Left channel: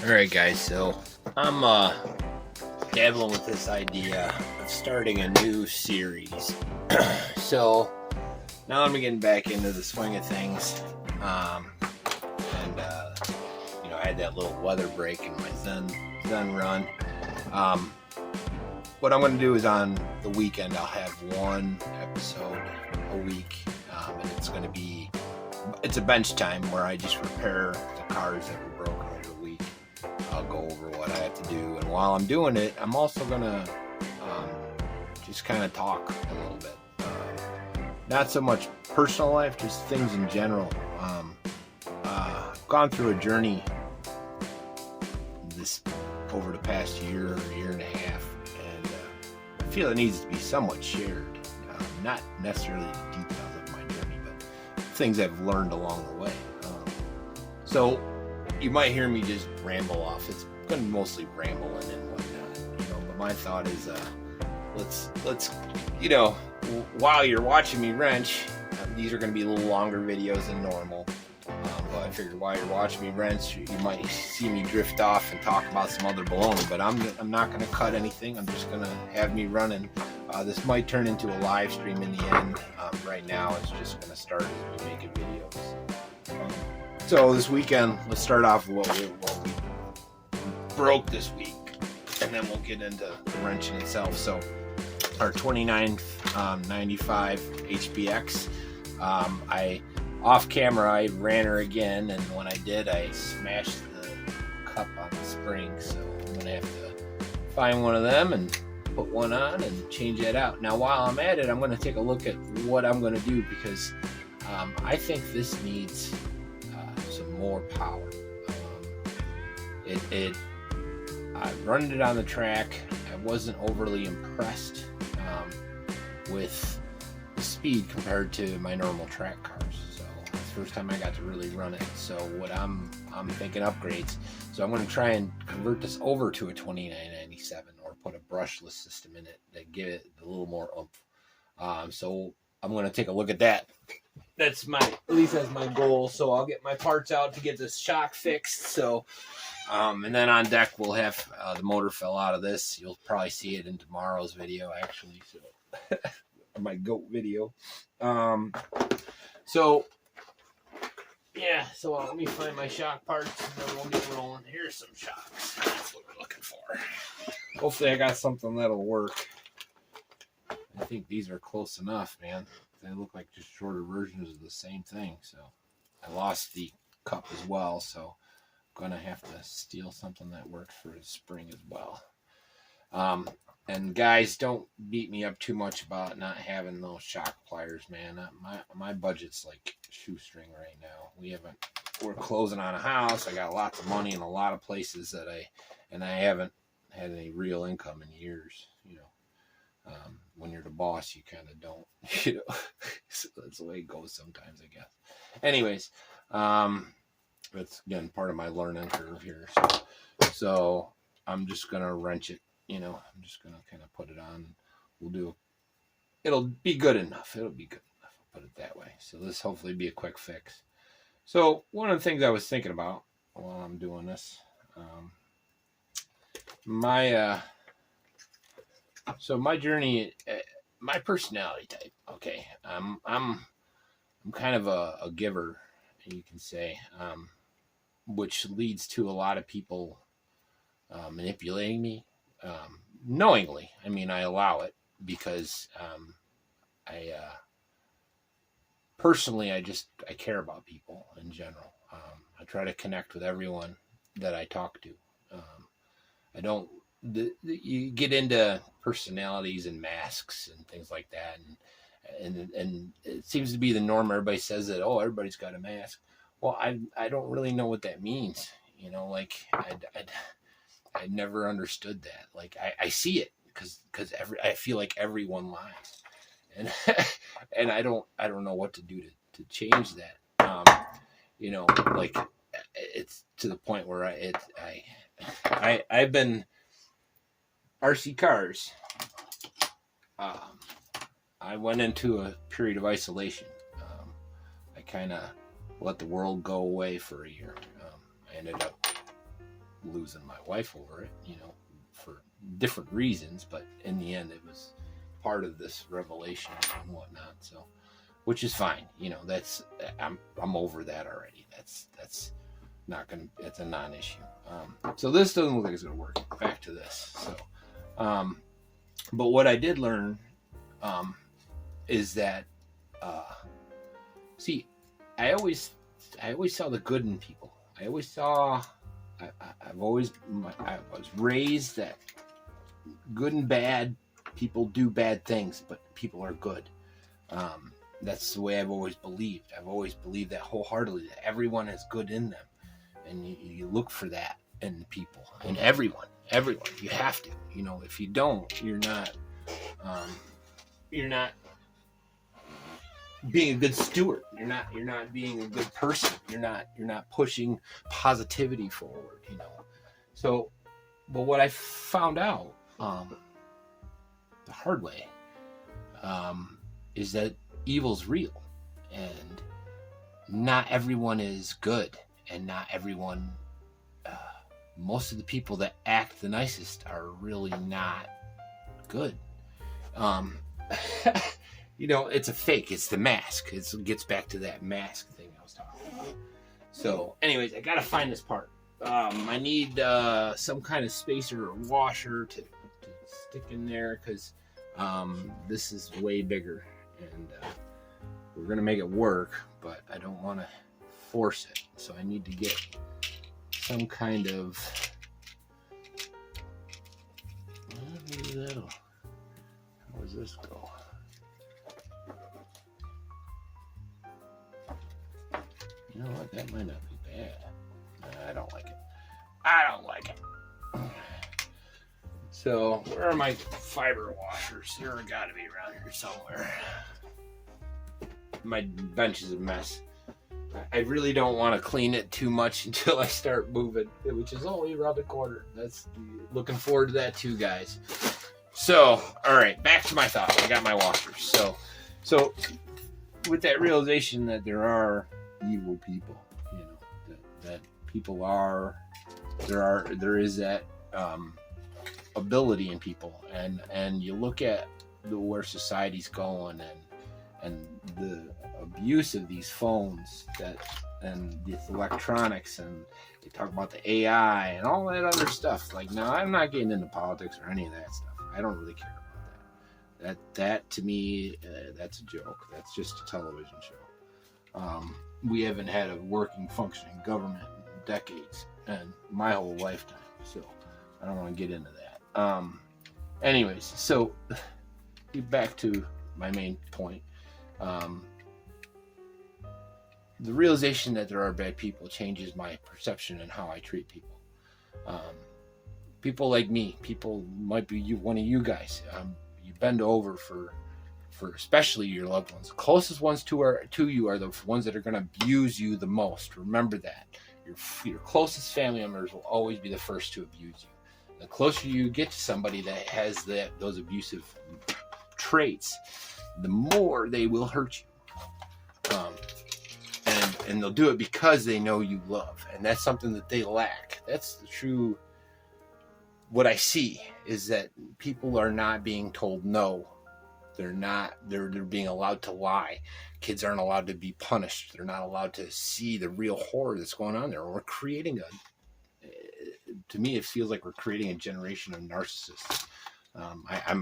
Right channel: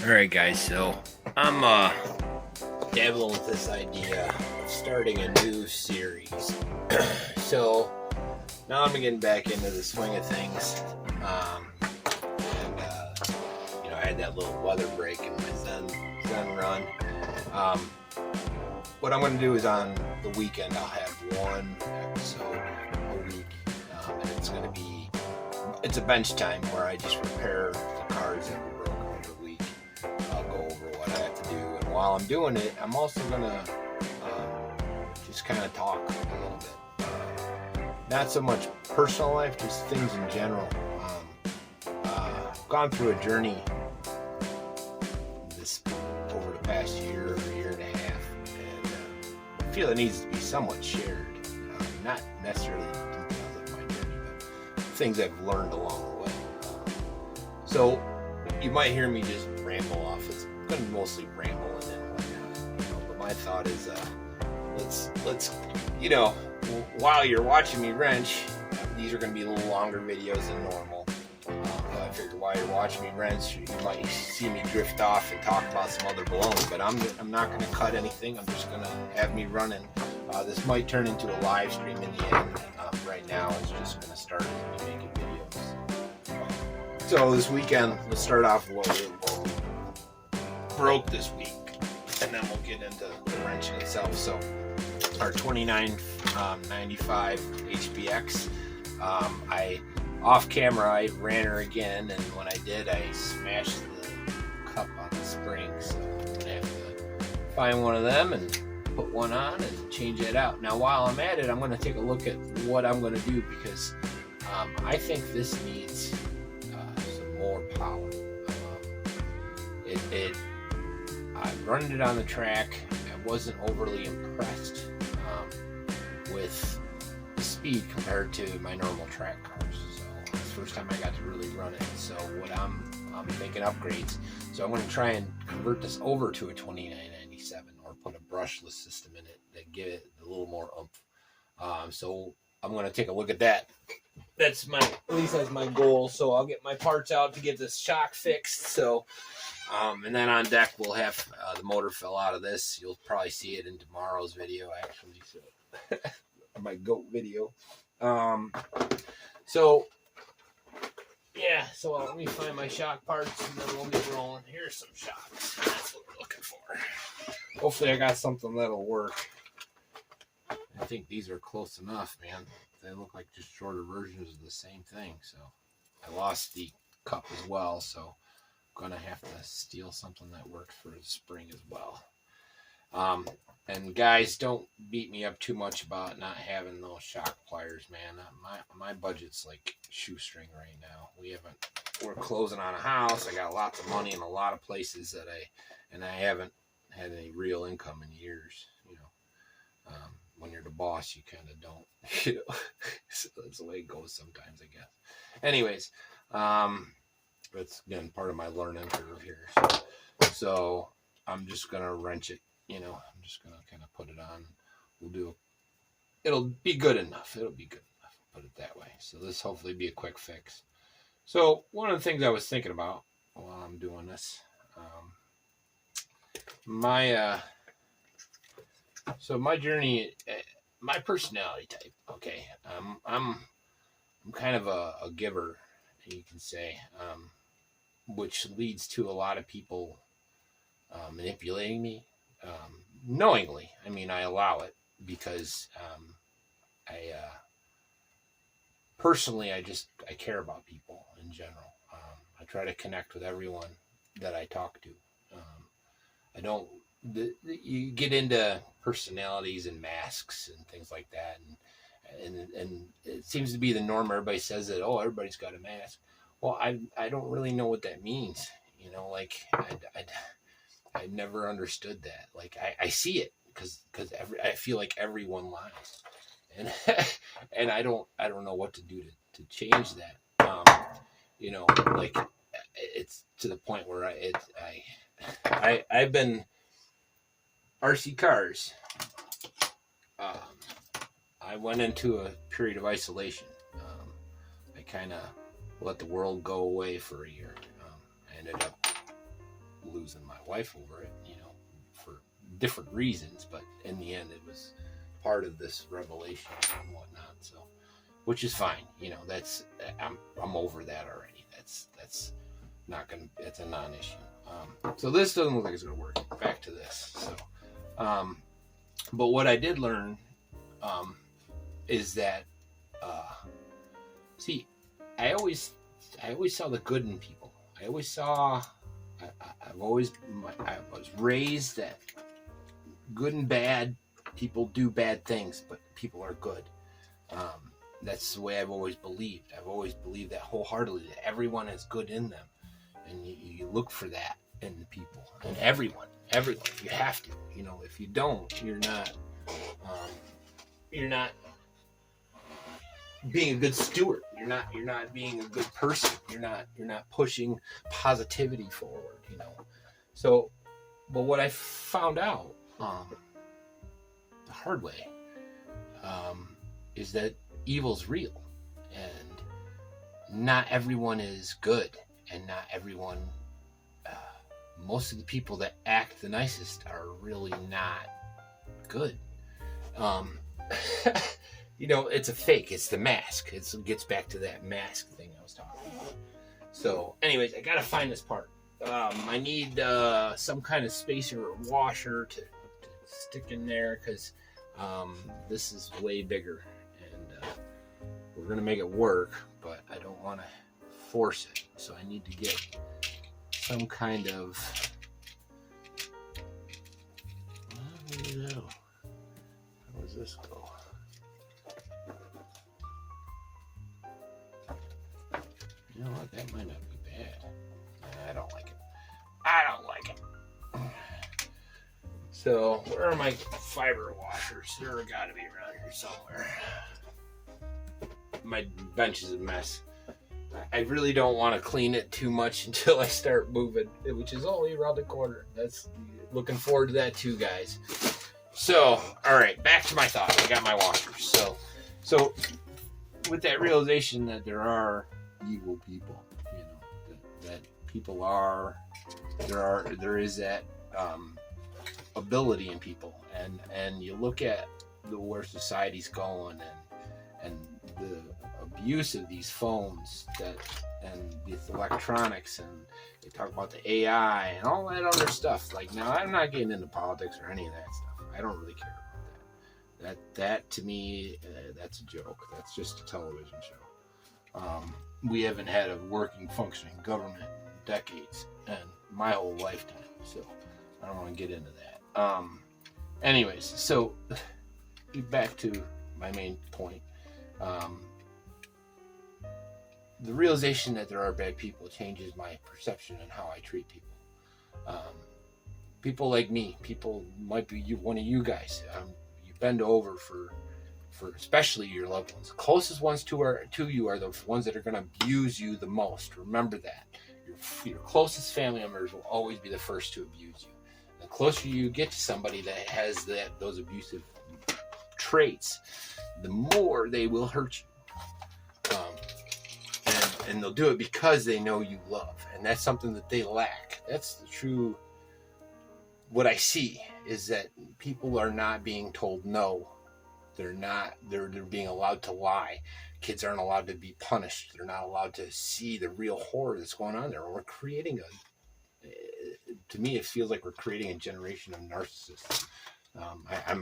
Alright guys, so I'm dabbling with this idea of starting a new series. So now I'm getting back into the swing of things. I had that little weather break in my Zen run. What I'm going to do is on the weekend I'll have one episode a week, and it's a bench time where I just repair the cars that were broken every week. I'll go over what I have to do, and while I'm doing it, I'm also going to just kind of talk a little bit. Not so much personal life, just things in general. I've gone through a journey over the past year and a half, and I feel it needs to be somewhat shared. Not necessarily the details of my journey, but things I've learned along the way. So you might hear me just ramble off. It's going to be mostly rambling, but my thought is, let's while you're watching me wrench, these are going to be a little longer videos than normal. I figured while you're watching me wrench, you might see me drift off and talk about some other baloney, but I'm not going to cut anything. I'm just going to have me running. This might turn into a live stream in the end. Right now, it's just going to start making videos. So this weekend, let's start off with what we broke this week, and then we'll get into the wrenching itself. So our 2995 HBX. Off camera, I ran her again, and when I did, I smashed the cup on the spring, so I'm going to have to find one of them and put one on and change that out. Now, while I'm at it, I'm going to take a look at what I'm going to do, because I think this needs some more power. I've run it on the track. I wasn't overly impressed with the speed compared to my normal track cars. First time I got to really run it, so what I'm thinking upgrades. So I'm going to try and convert this over to a 2997 or put a brushless system in it that give it a little more oomph. So I'm going to take a look at that. At least that's my goal. So I'll get my parts out to get this shock fixed. So and then on deck we'll have the motor fell out of this. You'll probably see it in tomorrow's video, actually. So my goat video. Yeah, so let me find my shock parts and then we'll get rolling. Here's some shocks. That's what we're looking for. Hopefully I got something that'll work. I think these are close enough, man. They look like just shorter versions of the same thing. So I lost the cup as well, so I'm going to have to steal something that works for the spring as well. And guys, don't beat me up too much about not having those shock pliers, man. My budget's like shoestring right now. We're closing on a house. I got lots of money in a lot of places and I haven't had any real income in years. When you're the boss, you kind of don't, so that's the way it goes sometimes, I guess. Anyways, that's again part of my learning curve here. So I'm just gonna wrench it. I'm just going to kind of put it on. It'll be good enough. It'll be good enough. I'll put it that way. So this hopefully be a quick fix. So one of the things I was thinking about while I'm doing this, my journey, my personality type. Okay. I'm kind of a giver, you can say, which leads to a lot of people manipulating me. Knowingly. I mean, I allow it because personally, I care about people in general. I try to connect with everyone that I talk to. I don't. You get into personalities and masks and things like that, and it seems to be the norm. Everybody says that. Oh, everybody's got a mask. Well, I don't really know what that means. I never understood that. Like I see it because I feel like everyone lies, and and I don't know what to do to change that. Like it's to the point where I've been RC cars. I went into a period of isolation. I kind of let the world go away for a year. I ended up losing my wife over it, you know, for different reasons, but in the end, it was part of this revelation and whatnot. So, which is fine, you know. That's I'm over that already. That's not gonna. It's a non-issue. So this doesn't look like it's gonna work. Back to this. So, but what I did learn is that, see, I always saw the good in people. I always saw. I was raised that good and bad people do bad things, but people are good. That's the way I've always believed. I've always believed that wholeheartedly, that everyone has good in them, and you look for that in the people, and everyone. You have to. You know, if you don't, you're not being a good steward. You're not being a good person. You're not pushing positivity forward, you know. So, but what I found out the hard way is that evil's real, and not everyone is good, and not everyone. Most of the people that act the nicest are really not good. You know, it's a fake. It's the mask. It gets back to that mask thing I was talking about. So, anyways, I gotta find this part. I need some kind of spacer or washer to stick in there, because this is way bigger, and we're gonna make it work, but I don't want to force it. So I need to get some kind of. How does this go? You know what? That might not be bad. I don't like it. So, where are my fiber washers? They're gotta be around here somewhere. My bench is a mess. I really don't want to clean it too much until I start moving, which is only around the corner. That's looking forward to that too, guys. So, all right, back to my thought. I got my washers. So with that realization that there are evil people, you know, that people are, there is that ability in people, and you look at where society's going, and the abuse of these phones and these electronics, and they talk about the AI and all that other stuff. Like, now I'm not getting into politics or any of that stuff. I don't really care about that to me, that's a joke. That's just a television show. We haven't had a working, functioning government in decades, and my whole lifetime, so I don't want to get into that. Anyways, so back to my main point. The realization that there are bad people changes my perception and how I treat people. People like me, people might be one of you guys. You bend over for especially your loved ones. The closest ones to you are the ones that are going to abuse you the most. Remember that. Your closest family members will always be the first to abuse you. The closer you get to somebody that has those abusive traits, the more they will hurt you. And they'll do it because they know you love, and that's something that they lack. That's the true. What I see is that people are not being told no. They're being allowed to lie. Kids aren't allowed to be punished. They're not allowed to see the real horror that's going on there. We're creating to me, it feels like we're creating a generation of narcissists.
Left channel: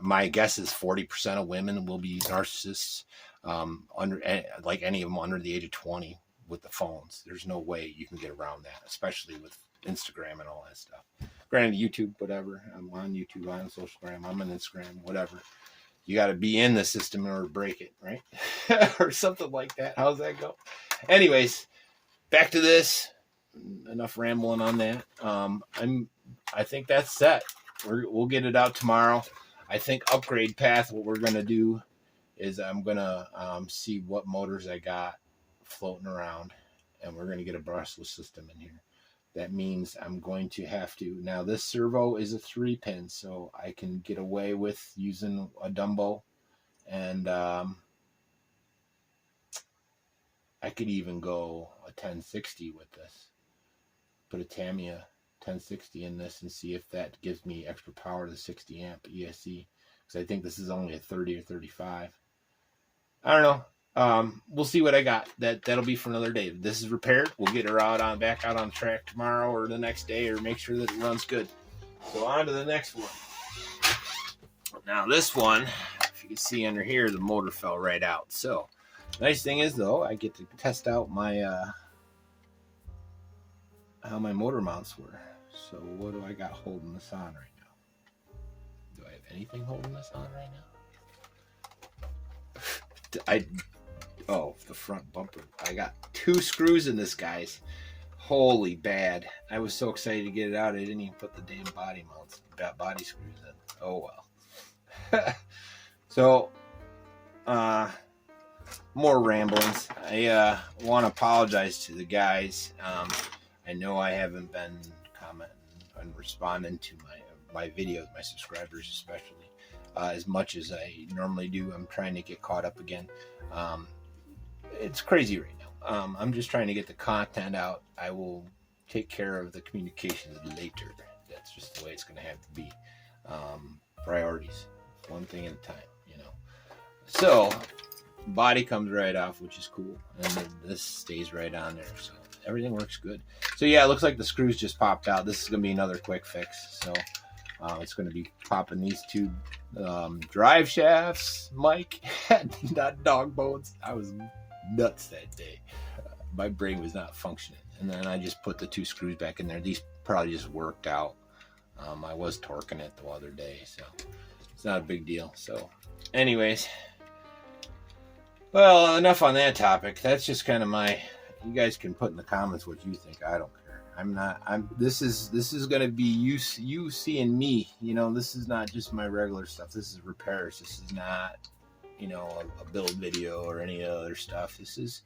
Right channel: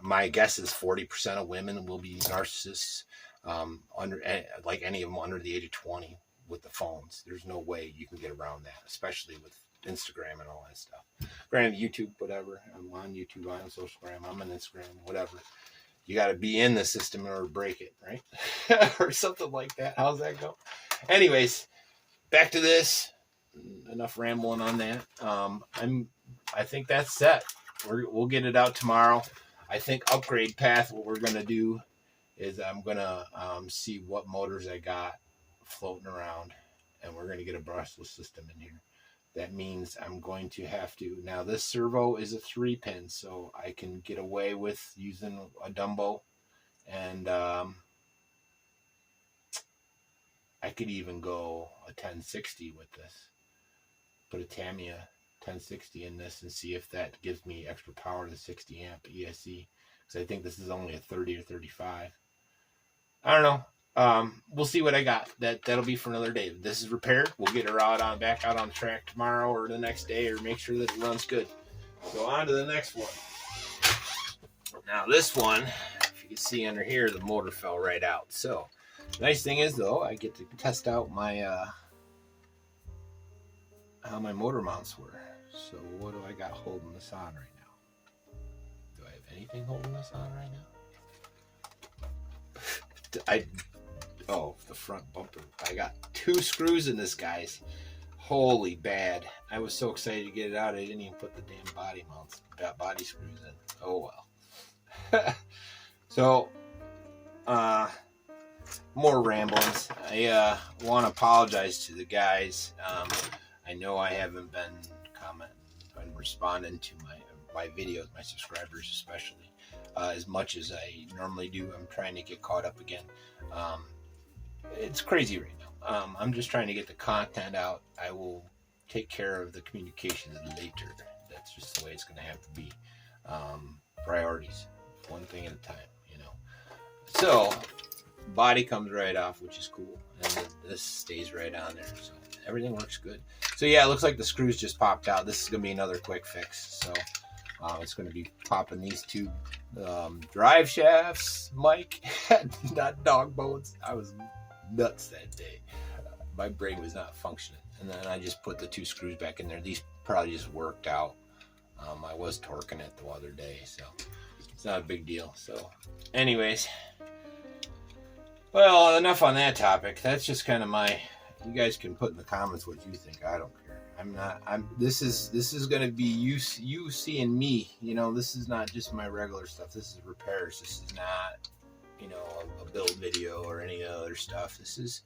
My guess is 40% of women will be narcissists, like any of them under the age of 20 with the phones. There's no way you can get around that, especially with Instagram and all that stuff. Granted, YouTube, whatever. I'm on YouTube, I'm on Socialgram, I'm on Instagram, whatever. You got to be in the system in order to break it, right? Or something like that. How's that go? Anyways, back to this. Enough rambling on that. I think that's set. We'll get it out tomorrow. I think upgrade path, what we're going to do is I'm going to see what motors I got floating around, and we're going to get a brushless system in here. That means I'm going to have to, now this servo is a 3-pin, so I can get away with using a Dumbo, and I could even go a 1060 with this. Put a TAMIYA 1060 in this and see if that gives me extra power to the 60 amp ESC, because I think this is only a 30 or 35. I don't know. We'll see what I got. That'll be for another day. This is repaired. We'll get her out back out on track tomorrow or the next day, or make sure that it runs good. So on to the next one. Now this one, if you can see under here, the motor fell right out. So nice thing is though, I get to test out my how my motor mounts were. So what do I got holding this on right now? Do I have anything holding this on right now? Oh, the front bumper. I got 2 screws in this, guys. Holy bad. I was so excited to get it out, I didn't even put the damn body screws in. Oh well. So, more ramblings. I want to apologize to the guys. I know I haven't been commenting and responding to my videos, my subscribers especially, as much as I normally do. I'm trying to get caught up again. It's crazy right now. I'm just trying to get the content out. I will take care of the communications later. That's just the way it's going to have to be. Priorities, one thing at a time, you know. So body comes right off, which is cool, and then this stays right on there, so everything works good. So yeah, it looks like the screws just popped out. This is going to be another quick fix. So it's going to be popping these 2 drive shafts, Mike, not dog bones. I was nuts that day. My brain was not functioning. And then I just put the 2 screws back in there. These probably just worked out. I was torquing it the other day, so it's not a big deal. So anyways, well, enough on that topic. That's just kind of you guys can put in the comments what you think. I don't care. This is going to be you seeing me, you know. This is not just my regular stuff. This is repairs. This is not, you know, a build video or any other stuff. This is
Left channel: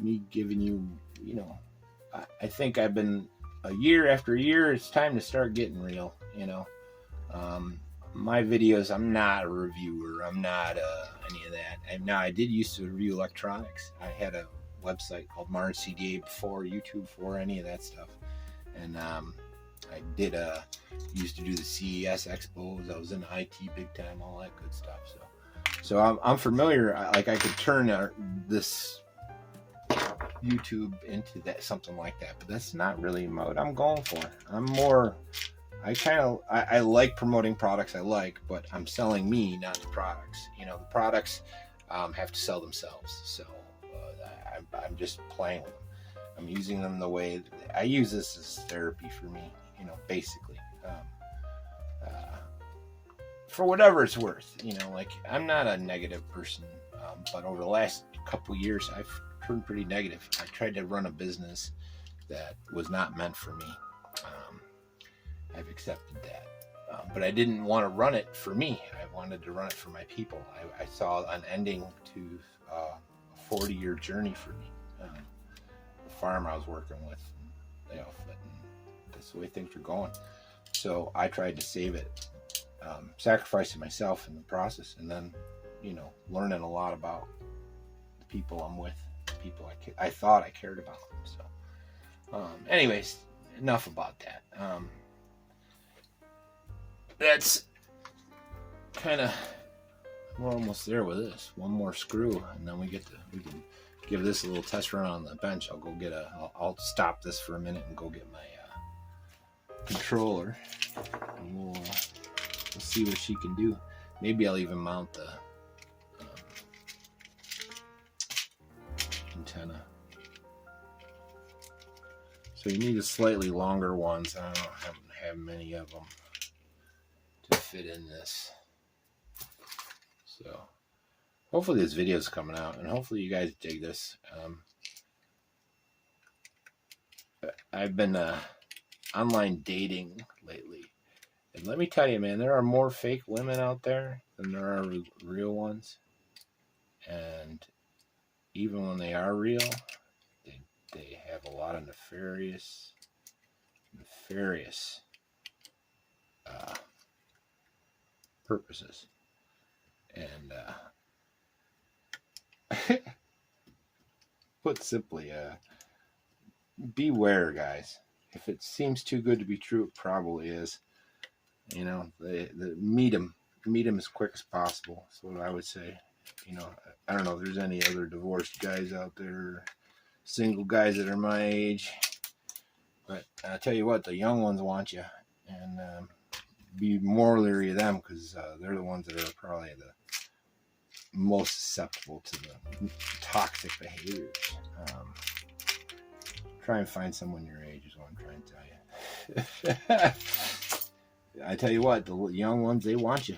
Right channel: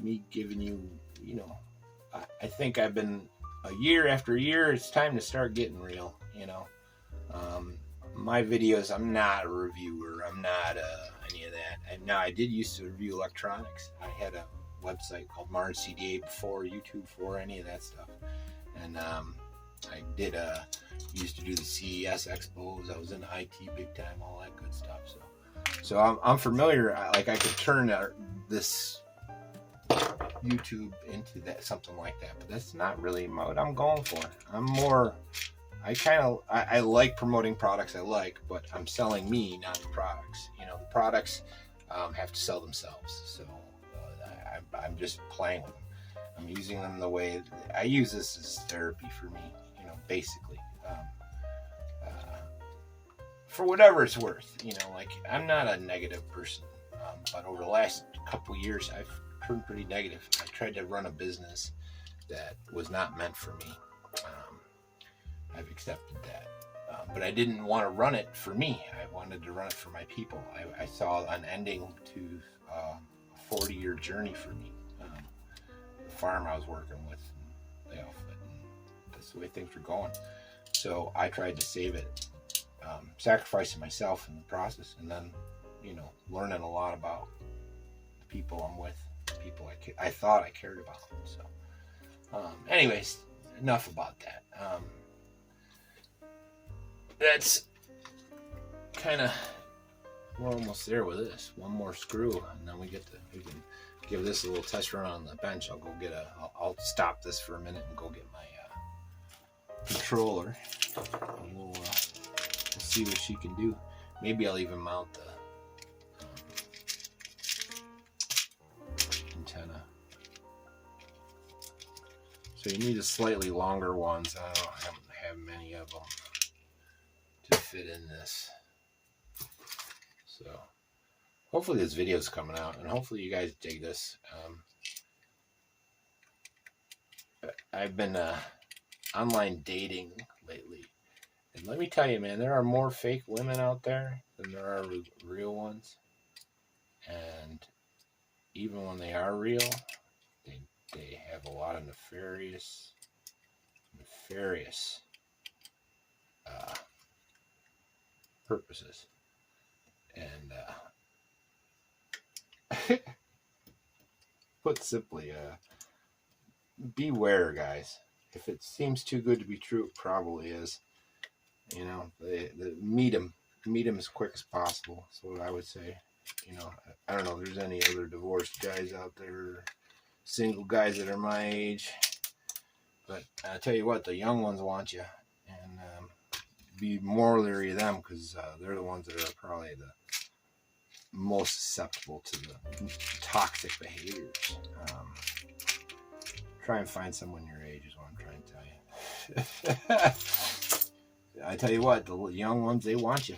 me giving you, you know, I think I've been a year after year. It's time to start getting real, you know. My videos, I'm not a reviewer. I'm not any of that. And now I did used to review electronics. I had a website called Mars CDA before YouTube, for any of that stuff. And I did used to do the CES expos. I was in IT big time, all that good stuff. So I'm familiar. Like I could turn this YouTube into something like that, but that's not really what I'm going for. I'm more. I like promoting products I like, but I'm selling me, not the products. You know, the products have to sell themselves. So I'm just playing with them. I'm using them the way I use this as therapy for me, you know, basically, for whatever it's worth, you know. Like, I'm not a negative person, but over the last couple years, I've turned pretty negative. I tried to run a business that was not meant for me. I've accepted that, but I didn't want to run it for me. I wanted to run it for my people. I saw an ending to a 40-year journey for me. The farm I was working with, and they all fit, and that's the way things were going. So I tried to save it, sacrificing myself in the process, and then, you know, learning a lot about the people I'm with, the people I thought I cared about. So, anyways, enough about that. That's kind of, we're almost there with this. One more screw, and then we can give this a little test run on the bench. I'll go get I'll stop this for a minute and go get my controller, and we'll see what she can do. Maybe I'll even mount the antenna. So you need the slightly longer ones. I don't have many of them to fit in this. So hopefully this video is coming out, and hopefully you guys dig this. I've been online dating lately, and let me tell you, man, there are more fake women out there than there are real ones. And even when they are real, they have a lot of nefarious purposes. And put simply, beware, guys. if it seems too good to be true, it probably is. You know, the meet them as quick as possible. That's what I would say. You know, I don't know if there's any other divorced guys out there, single guys that are my age, but I tell you what, the young ones want you, and be more leery of them, because they're the ones that are probably the most susceptible to the toxic behaviors. Try and find someone your age is what I'm trying to tell you. I tell you what, the young ones, they want you.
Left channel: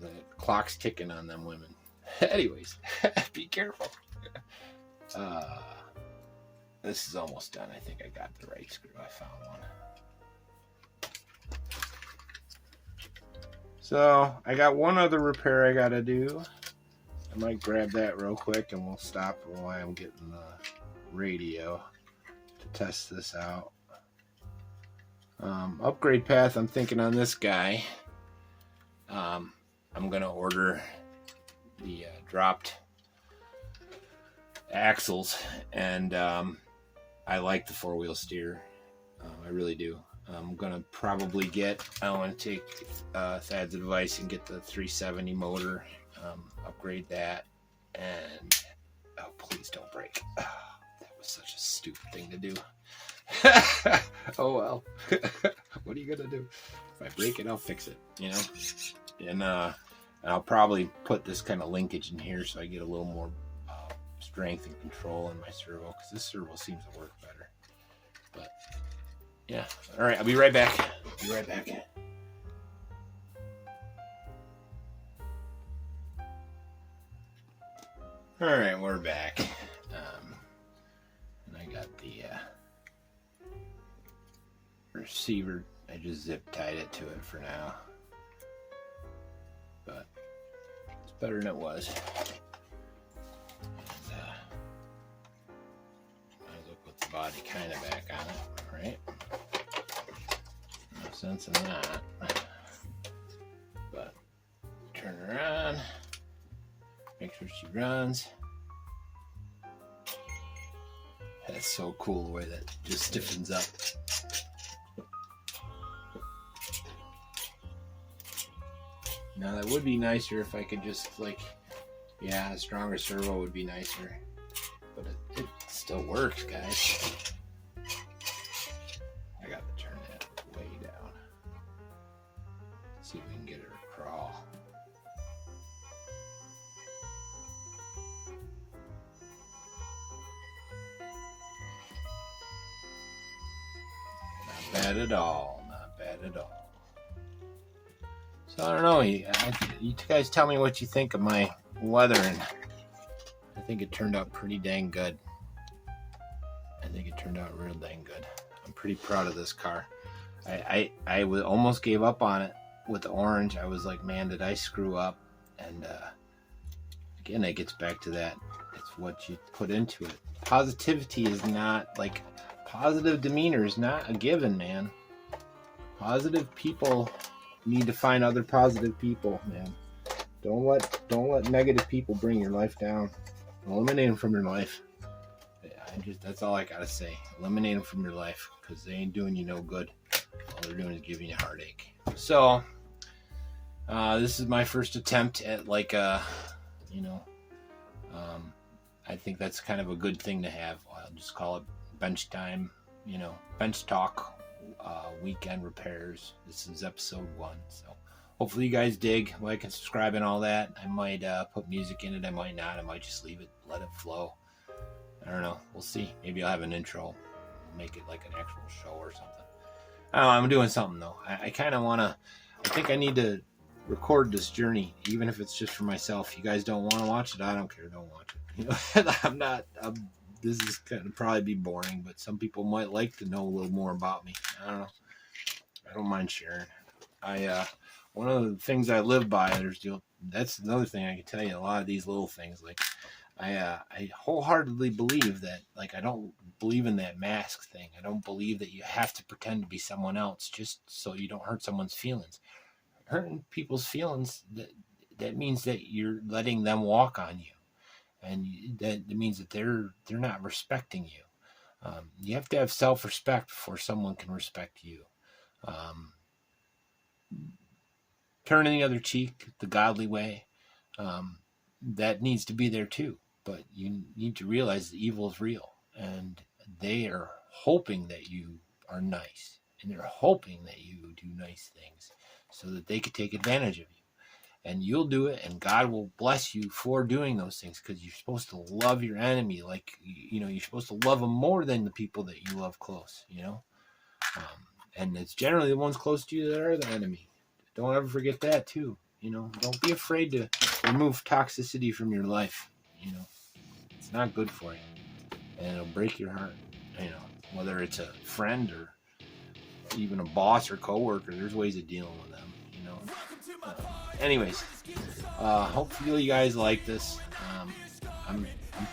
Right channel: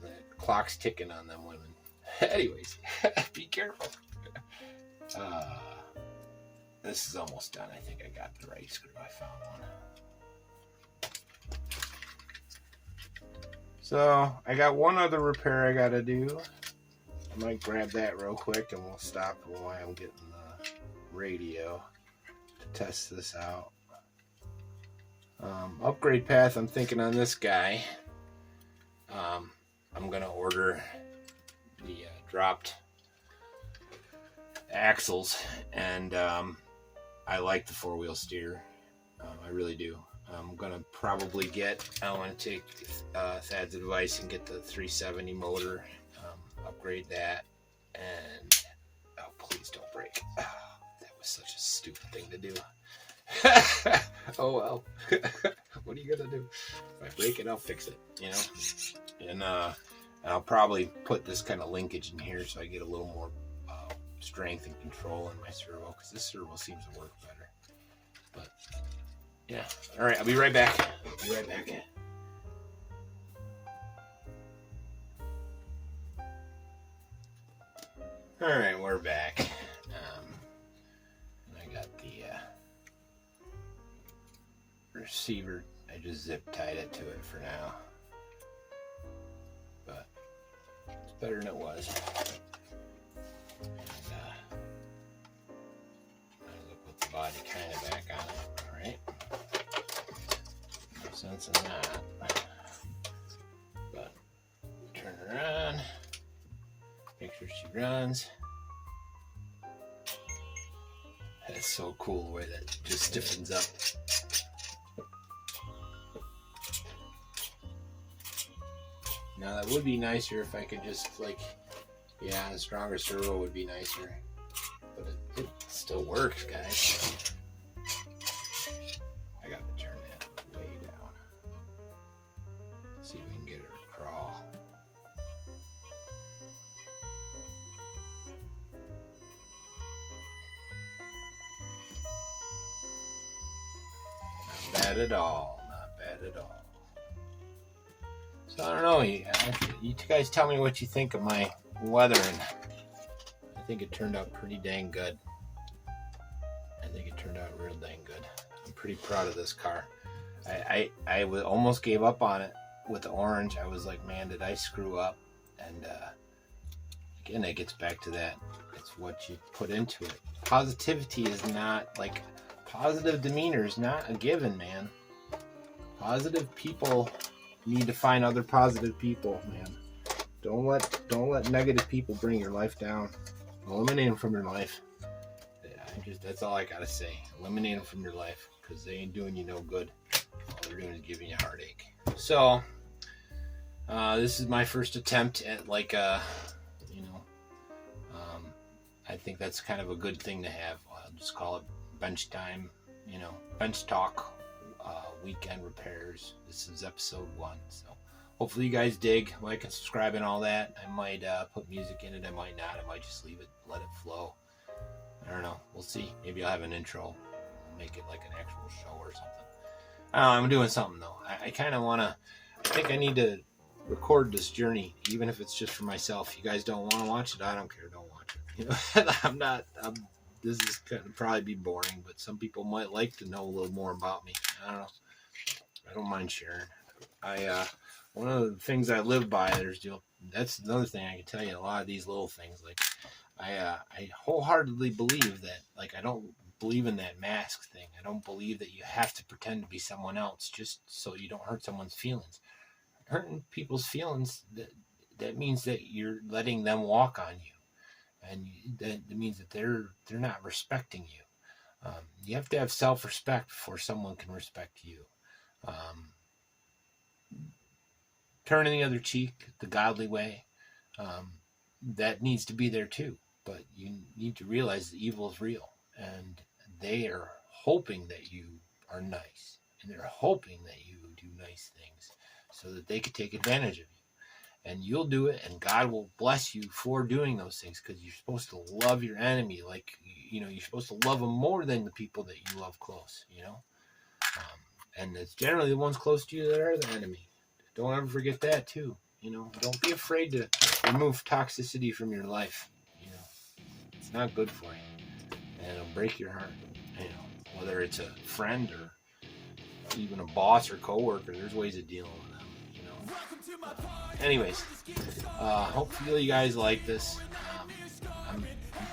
The clock's ticking on them women. Anyways, be careful. This is almost done. I think I got the right screw. I found one. So I got one other repair I gotta do. I might grab that real quick and we'll stop while I'm getting the radio to test this out. Upgrade path, I'm thinking on this guy. I'm gonna order the dropped axles, and I like the 4-wheel steer. I really do. I'm gonna probably I want to take Thad's advice and get the 370 motor, upgrade that, and oh, please don't break. Oh, that was such a stupid thing to do. Oh well. What are you gonna do? If I break it, I'll fix it, you know. And I'll probably put this kind of linkage in here so I get a little more strength and control in my servo, because this servo seems to work better. But yeah, all right, I'll be right back. All right, we're back. And I got the receiver. I just zip tied it to it for now, but it's better than it was. Body kind of back on it, right? No sense in that. But turn her on, make sure she runs. That's so cool the way that just stiffens up. Now that would be nicer if I could just yeah, the stronger servo would be nicer. But it still works, guys. I got to turn that way down. See if we can get her to crawl. Not bad at all. Not bad at all. So I don't know. You guys tell me what you think of my weathering. I think it turned out pretty dang good. I think it turned out real dang good. I'm pretty proud of this car. I almost gave up on it with the orange. I was like, man, did I screw up? And again, it gets back to that. It's what you put into it. Positivity is not positive demeanor is not a given, man. Positive people need to find other positive people, man. Don't let negative people bring your life down. Eliminate them from your life. That's all I gotta say. Eliminate them from your life, because they ain't doing you no good. All they're doing is giving you a heartache. So this is my first attempt at I think that's kind of a good thing to have. I'll just call it bench time, bench talk, weekend repairs. This is episode 1. So hopefully you guys dig, like and subscribe and all that. I might put music in it. I might not. I might just leave it, let it flow. I don't know. We'll see. Maybe I'll have an intro, make it like an actual show or something. I don't know. I'm doing something though. I kind of want to. I think I need to record this journey, even if it's just for myself. You guys don't want to watch it. I don't care. Don't watch it. This is going to probably be boring, but some people might like to know a little more about me. I don't know. I don't mind sharing. One of the things I live by, that's another thing I can tell you. A lot of these little things, I wholeheartedly believe that, I don't believe in that mask thing. I don't believe that you have to pretend to be someone else just so you don't hurt someone's feelings. Hurting people's feelings, that means that you're letting them walk on you, and that means that they're not respecting you. You have to have self-respect before someone can respect you. Turning the other cheek, the godly way, that needs to be there too. But you need to realize the evil is real, and they are hoping that you are nice, and they're hoping that you do nice things so that they could take advantage of you. And you'll do it, and God will bless you for doing those things, because you're supposed to love your enemy. Like, you're supposed to love them more than the people that you love close, and it's generally the ones close to you that are the enemy. Don't ever forget that too. Don't be afraid to remove toxicity from your life. It's not good for you, and it'll break your heart. Whether it's a friend or even a boss or coworker, there's ways of dealing with them. Anyways, hopefully you guys like this. I'm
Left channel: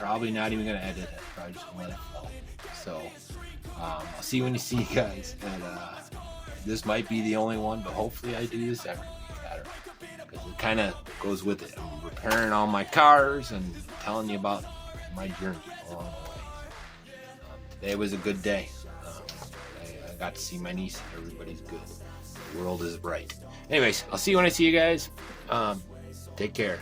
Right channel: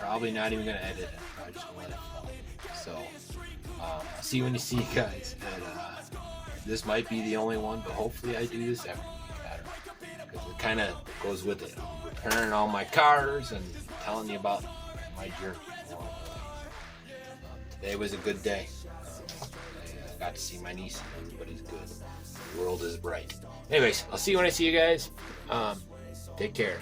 probably not even gonna edit it. Probably just gonna let it flow. So I'll see you when you see you guys. And this might be the only one, but hopefully I do this every week better, because it kind of goes with it. I'm repairing all my cars and telling you about my journey along the way. Today was a good day. I got to see my niece, and everybody's good. The world is bright. Anyways, I'll see you when I see you guys. Take care.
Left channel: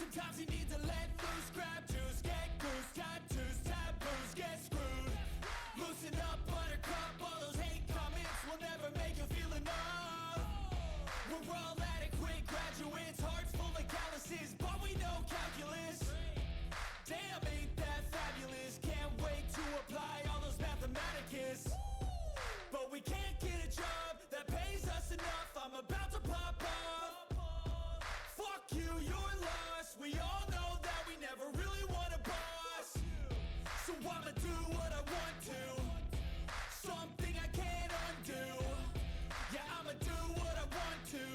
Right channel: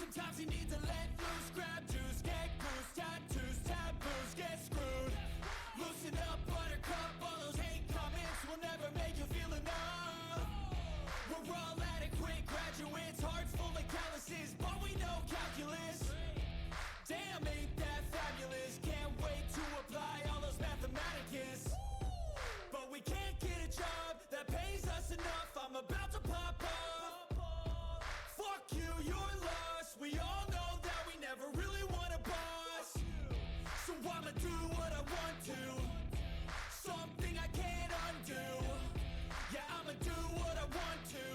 Sometimes you need to let loose, grab juice, get goose, tattoos, taboos, get screwed. Loosen up, buttercup, all those hate comments will never make you feel enough. We're all adequate graduates, hearts full of calluses, but we know calculus. Damn, ain't that fabulous, can't wait to apply all those mathematicus. But we can't get a job that pays us enough, I'm about to pop off. Fuck you, you're lost. We all know that we never really want a boss. So I'ma do what I want to, something I can't undo. Yeah, I'ma do what I want to,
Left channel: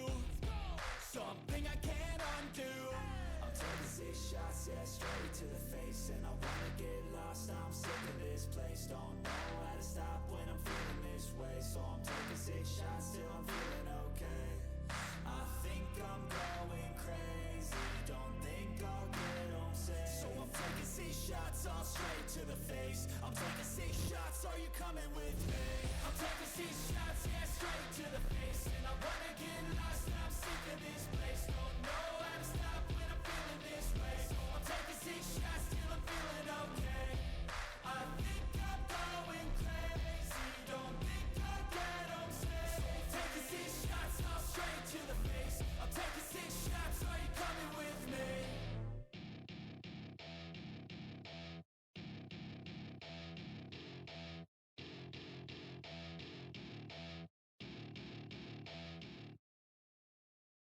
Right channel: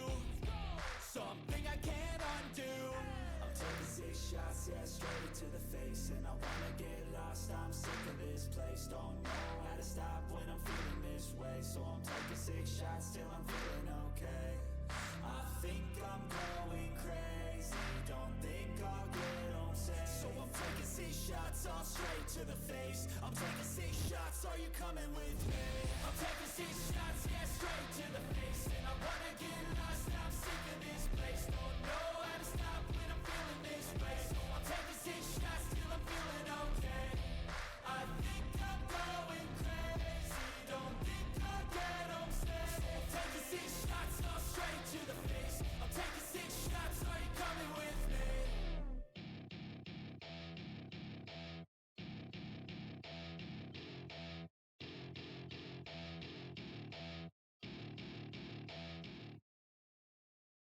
something I can't undo. I'm taking 6 shots, yeah, straight to the face. And I wanna get lost, I'm sick of this place. Don't know how to stop when I'm feeling this way. So I'm taking 6 shots till I'm feeling okay. I think I'm going crazy, don't think I'll get home safe. So I'm taking 6 shots, all straight to the face. I'm taking 6 shots, are you coming with me? I'm taking 6 shots, yeah, straight to the face. And I wanna get lost.